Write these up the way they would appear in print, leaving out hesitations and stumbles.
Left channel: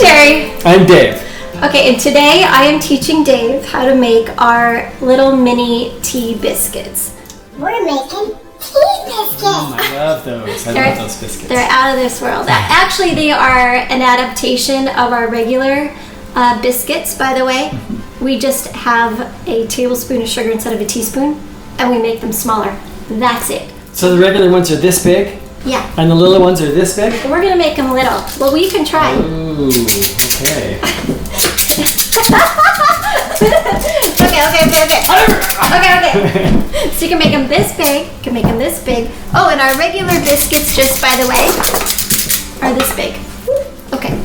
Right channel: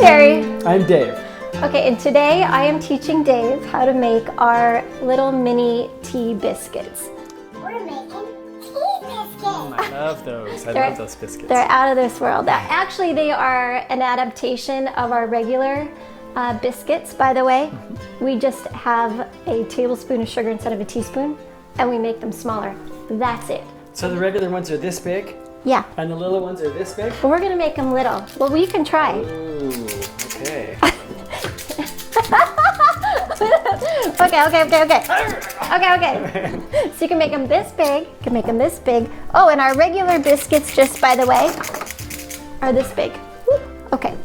Teri. I'm Dave. Okay, and today I am teaching Dave how to make our little mini tea biscuits. We're making tea biscuits. Oh, I love those. I love those biscuits. They're out of this world. Actually, they are an adaptation of our regular biscuits, by the way. We just have a tablespoon of sugar instead of a teaspoon, and we make them smaller. That's it. So the regular ones are this big? Yeah. And the little ones are this big? And we're going to make them little. Well, we can try. Ooh, okay. Okay. So you can make them this big, you can make them this big. Oh, and our regular biscuits, just by the way, are this big. Okay.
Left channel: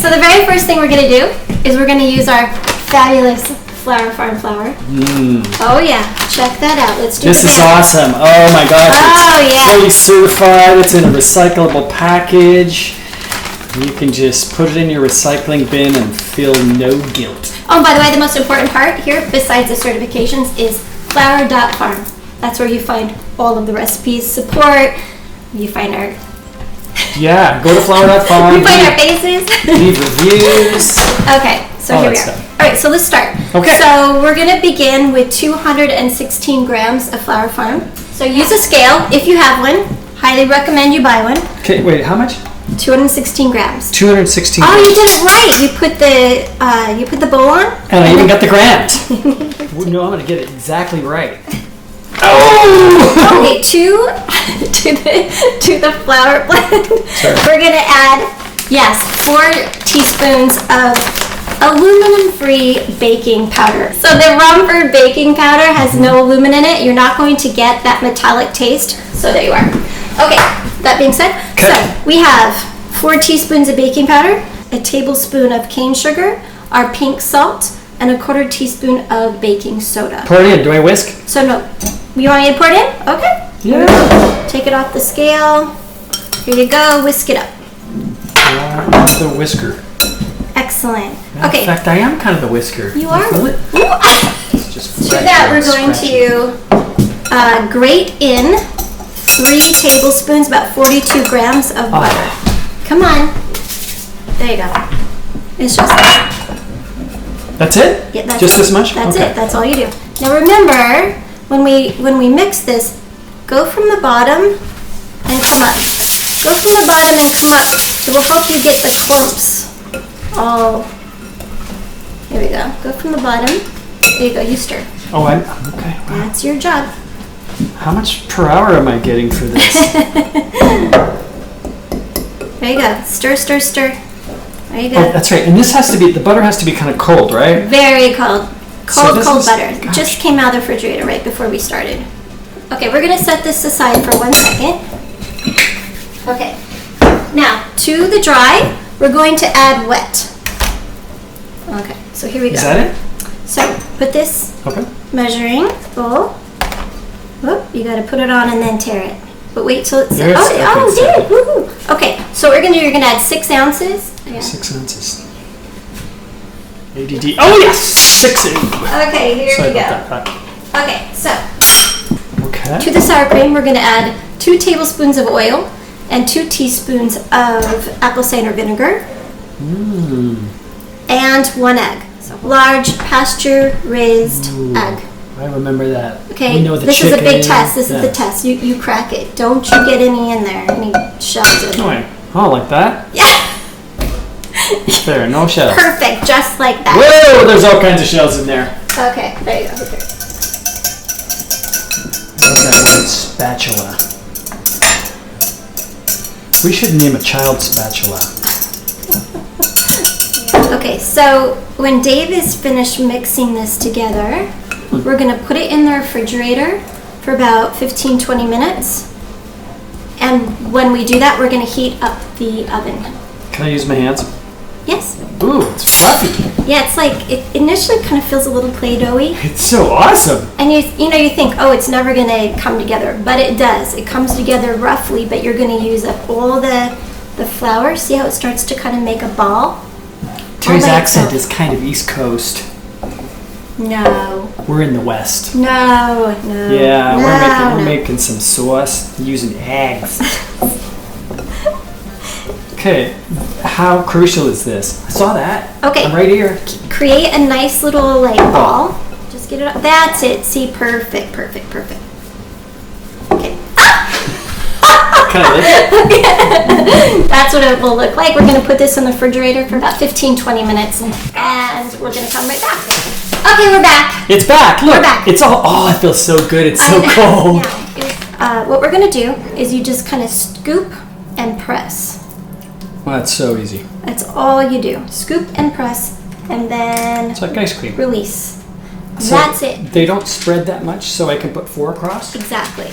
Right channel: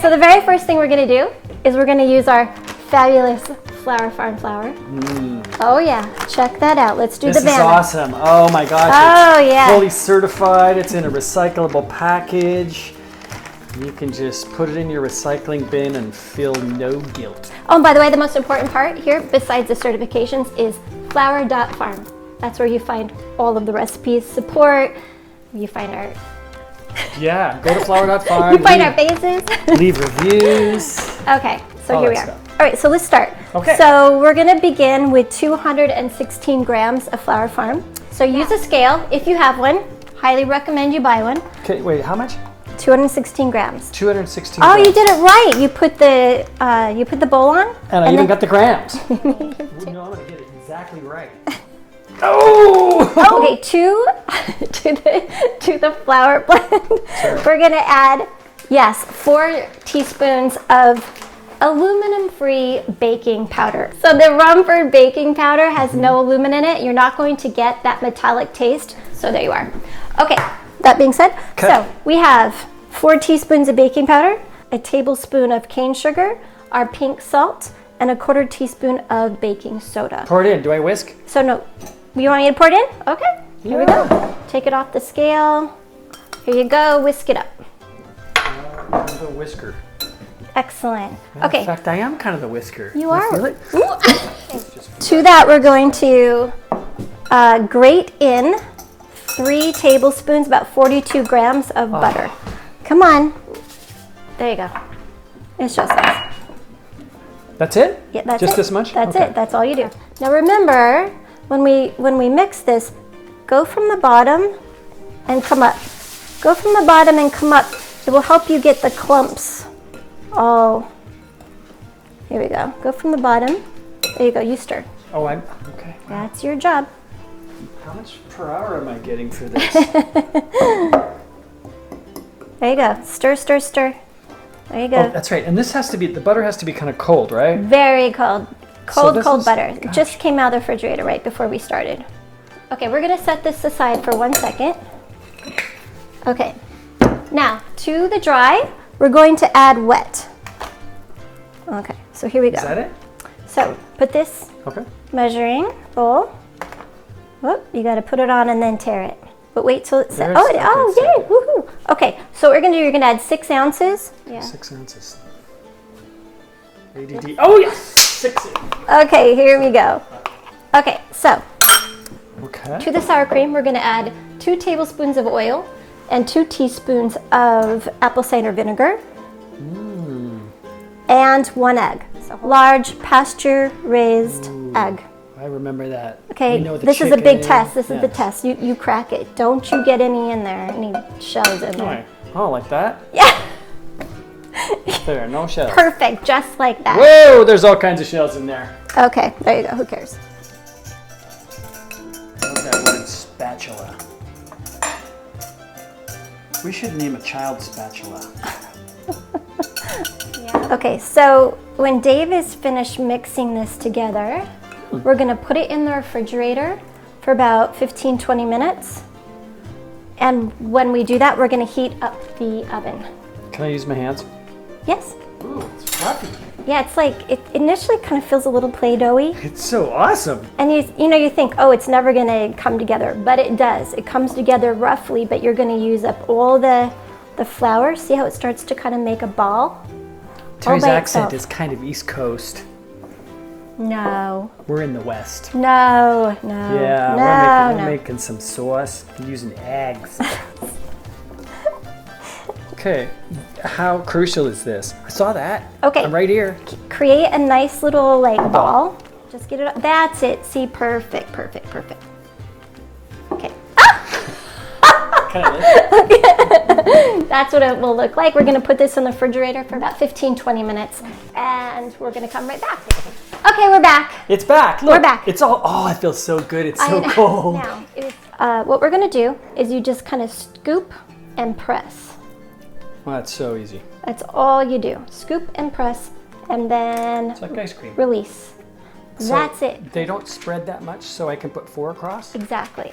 So the very first thing we're going to do is we're going to use our fabulous Flour Farm flour. Oh yeah, check that out. Let's do This the is banner. awesome. Oh my gosh. Oh, It's yeah. fully certified. It's in a recyclable package. You can just put it in your recycling bin and feel no guilt. Oh, and by the way, the most important part here, besides the certifications, is flour.farm. That's where you find all of the recipes, support, you find our... Yeah, go to flour.farm. You find our faces. Leave reviews. Okay, so All here we that are. stuff. All right, so let's start. Okay. So we're going to begin with 216 grams of Flour Farm. So use a scale if you have one. Highly recommend you buy one. Okay, wait, how much? 216 grams. 216 Oh, you did it right. You put the bowl on. And I even got the grams. No, I'm going to get it exactly right. Oh! Okay, to the flour blend, we're gonna add 4 teaspoons of aluminum-free baking powder. So the Rumford baking powder has no aluminum in it. You're not going to get that metallic taste. So there you are. Okay, that being said, so we have 4 teaspoons of baking powder, a tablespoon of cane sugar, our pink salt, and a 1/4 teaspoon of baking soda. Pour it in. Do I whisk? So no, you want me to pour it in? Okay. Yeah. Take it off the scale. Here you go. Whisk it up. The whisker. Excellent. In Okay. fact, I am kind of the whisker. You are. Feel it? It's just To that, we're going to grate in 3 tablespoons, about 42 grams of butter. Come on. There you go. It's just that. That's it? Yeah, that's just it. this much? That's Okay. it. That's all you do. Now remember, when we mix this, go from the bottom and come up. Go from the bottom and come up. It will help you get the clumps. Oh, here we go. Go from the bottom. There you go. You stir. Oh, I'm okay. Wow. That's your job. How much per hour am I getting for this? There you go. Stir, stir, stir. There you go. Oh, that's right. And this has to be, the butter has to be kind of cold, right? Very cold. Cold butter. It gosh. just came out of the refrigerator right before we started. Okay, we're going to set this aside for 1 second. Okay. Now, to the dry, we're going to add wet. Okay, so here we go. Is that it? So, put this Okay. measuring bowl. Whoop, you got to put it on and then tear it. But wait till it's... There it's- okay, oh, it's did set. it. Woohoo. Okay, so what we're going to do, you're going to add 6 ounces. Yeah. 6 ounces. ADD. Oh, yes! 6 ounces. Okay, here Sorry we go. about that. Okay, so... Okay. To the sour cream, we're going to add 2 tablespoons of oil and 2 teaspoons of apple cider vinegar and 1 egg. So large pasture-raised egg. I remember that. Okay, We know the this is a big chicken. test. This is the test. You crack it. Don't you get any in there, any shells in Oh, there. oh, like that? Yeah, There, no shells. perfect, just like that. Whoa, there's all kinds of shells in there. Okay, there you go. Okay. That word spatula. We should name a child spatula. Okay, so when Dave is finished mixing this together, we're going to put it in the refrigerator for about 15-20 minutes. And when we do that, we're going to heat up the oven. Can I use my hands? Yes. Ooh, it's fluffy. Yeah, it's like, it initially kind of feels a little Play-Doh-y. It's so awesome. And you think, oh, it's never going to come together. But it does. It comes together roughly, but you're going to use up all the flour. See how it starts to kind of make a ball? Teri's by accent itself. is kind of East Coast. No. We're in the West. No. Yeah, no, we're making some sauce using eggs. Okay, how crucial is this? I saw that. Okay. I'm right here. Create a nice little like ball. Just get it up. That's it. See, perfect. Okay. Can I lift it? That's what it will look like. We're going to put this in the refrigerator for about 15-20 minutes, and we're going to come right back. Okay, we're back. It's back. Look, We're back. It's all. Oh, it feels so good. It's so cold. Yeah. What we're going to do is you just kind of scoop and press. Well, that's so easy. That's all you do. Scoop and press, and then It's like ice cream. release. So That's it. They don't spread that much, so I can put 4 across? Exactly.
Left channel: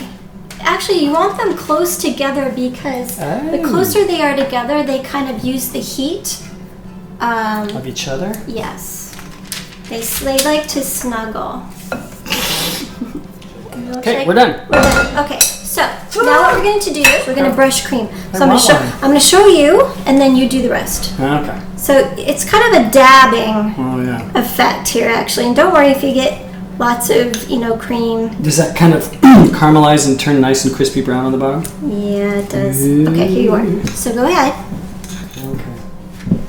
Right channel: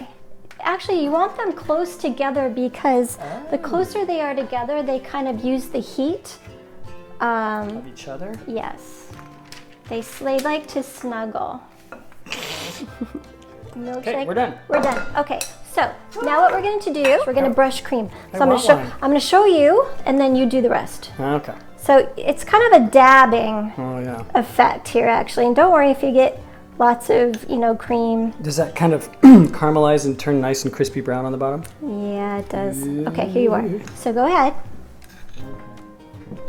Actually, you want them close together because the closer they are together, they kind of use the heat. Of each other? Yes. They like to snuggle. Okay, we're done. We're done. Okay, so now what we're going to do is we're going to brush cream. So I'm going to show you, and then you do the rest. Okay. So it's kind of a dabbing Oh, yeah. effect here, actually. And don't worry if you get lots of, cream. Does that kind of caramelize and turn nice and crispy brown on the bottom? Yeah, it does. Okay, here you are. So go ahead. Okay.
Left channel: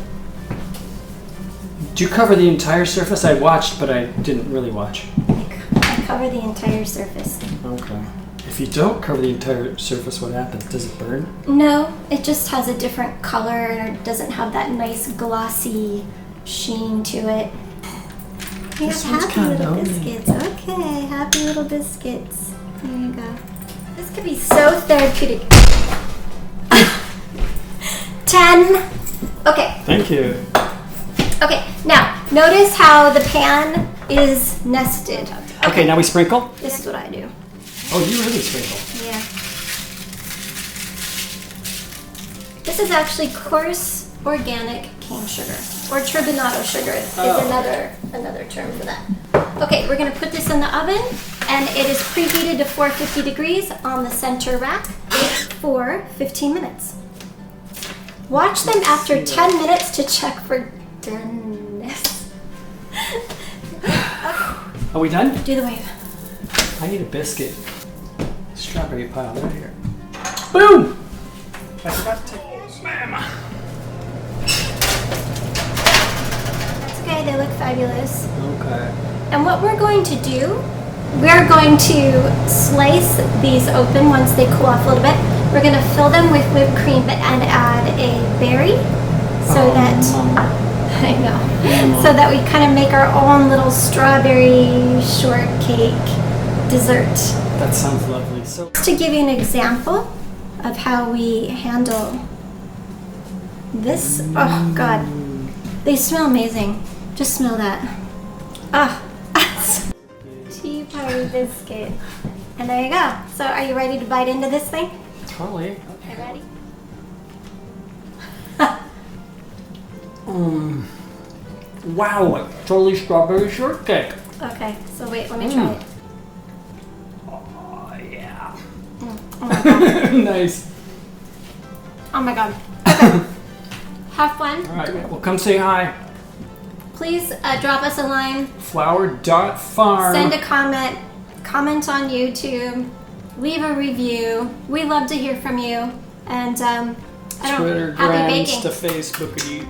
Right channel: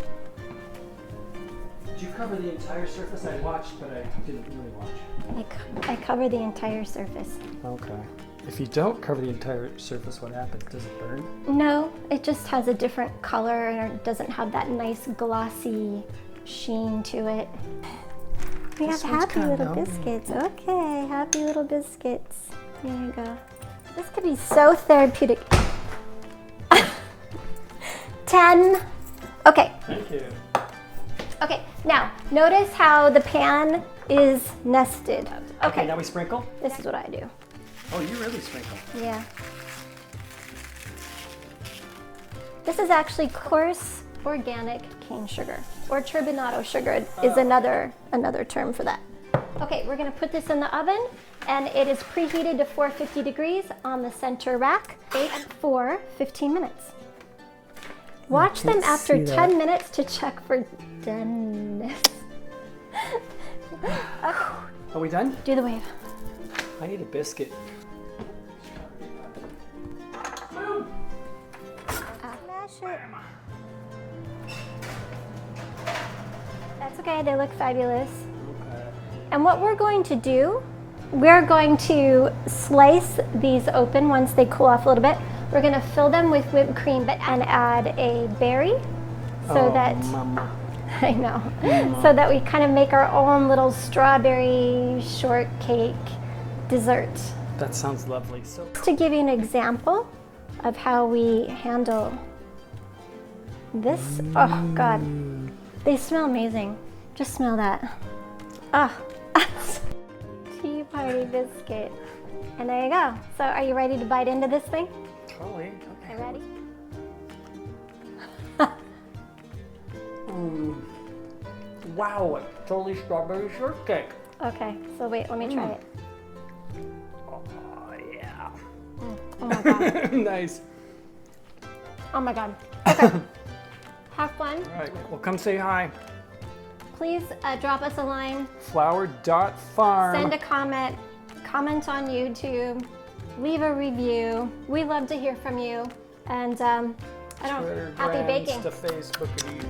Do you cover the entire surface? I watched, but I didn't really watch. I cover the entire surface. Okay. If you don't cover the entire surface, what happens? Does it burn? No, it just has a different color and it doesn't have that nice glossy sheen to it. We have happy little biscuits. Okay, happy little biscuits. There you go. This could be so therapeutic. 10. Okay. Thank you. Okay, now notice how the pan is nested. Okay, now we sprinkle? This is what I do. Oh, you really sprinkle. Yeah. This is actually coarse organic cane sugar, or turbinado sugar is another term for that. Okay, we're gonna put this in the oven, and it is preheated to 450 degrees on the center rack. Bake for 15 minutes. Watch them after 10 minutes to check for doneness. Are we done? Do the wave. I need a biscuit. Strawberry pile right here. Boom! I forgot to take Bam! That's okay, they look fabulous. Okay. And what we're going to do, we're going to slice these open once they cool off a little bit. We're going to fill them with whipped cream and add a berry so I know, so that we kind of make our own little strawberry shortcake dessert. That sounds lovely. So Just to give you an example of how we handle this, oh God, they smell amazing. Just smell that. Ah, tea party biscuit. And there you go. So are you ready to bite into this thing? totally. Okay, ready? Wow, totally strawberry shortcake. Okay, so wait, let me try it. Oh yeah. Oh my God. Nice. Oh my God. Okay. Have fun. All right, well, come say hi. Please drop us a line. Flower.farm. Send a comment. Comment on YouTube. Leave a review. We love to hear from you. And I don't Twitter, happy Grams baking. to Facebook.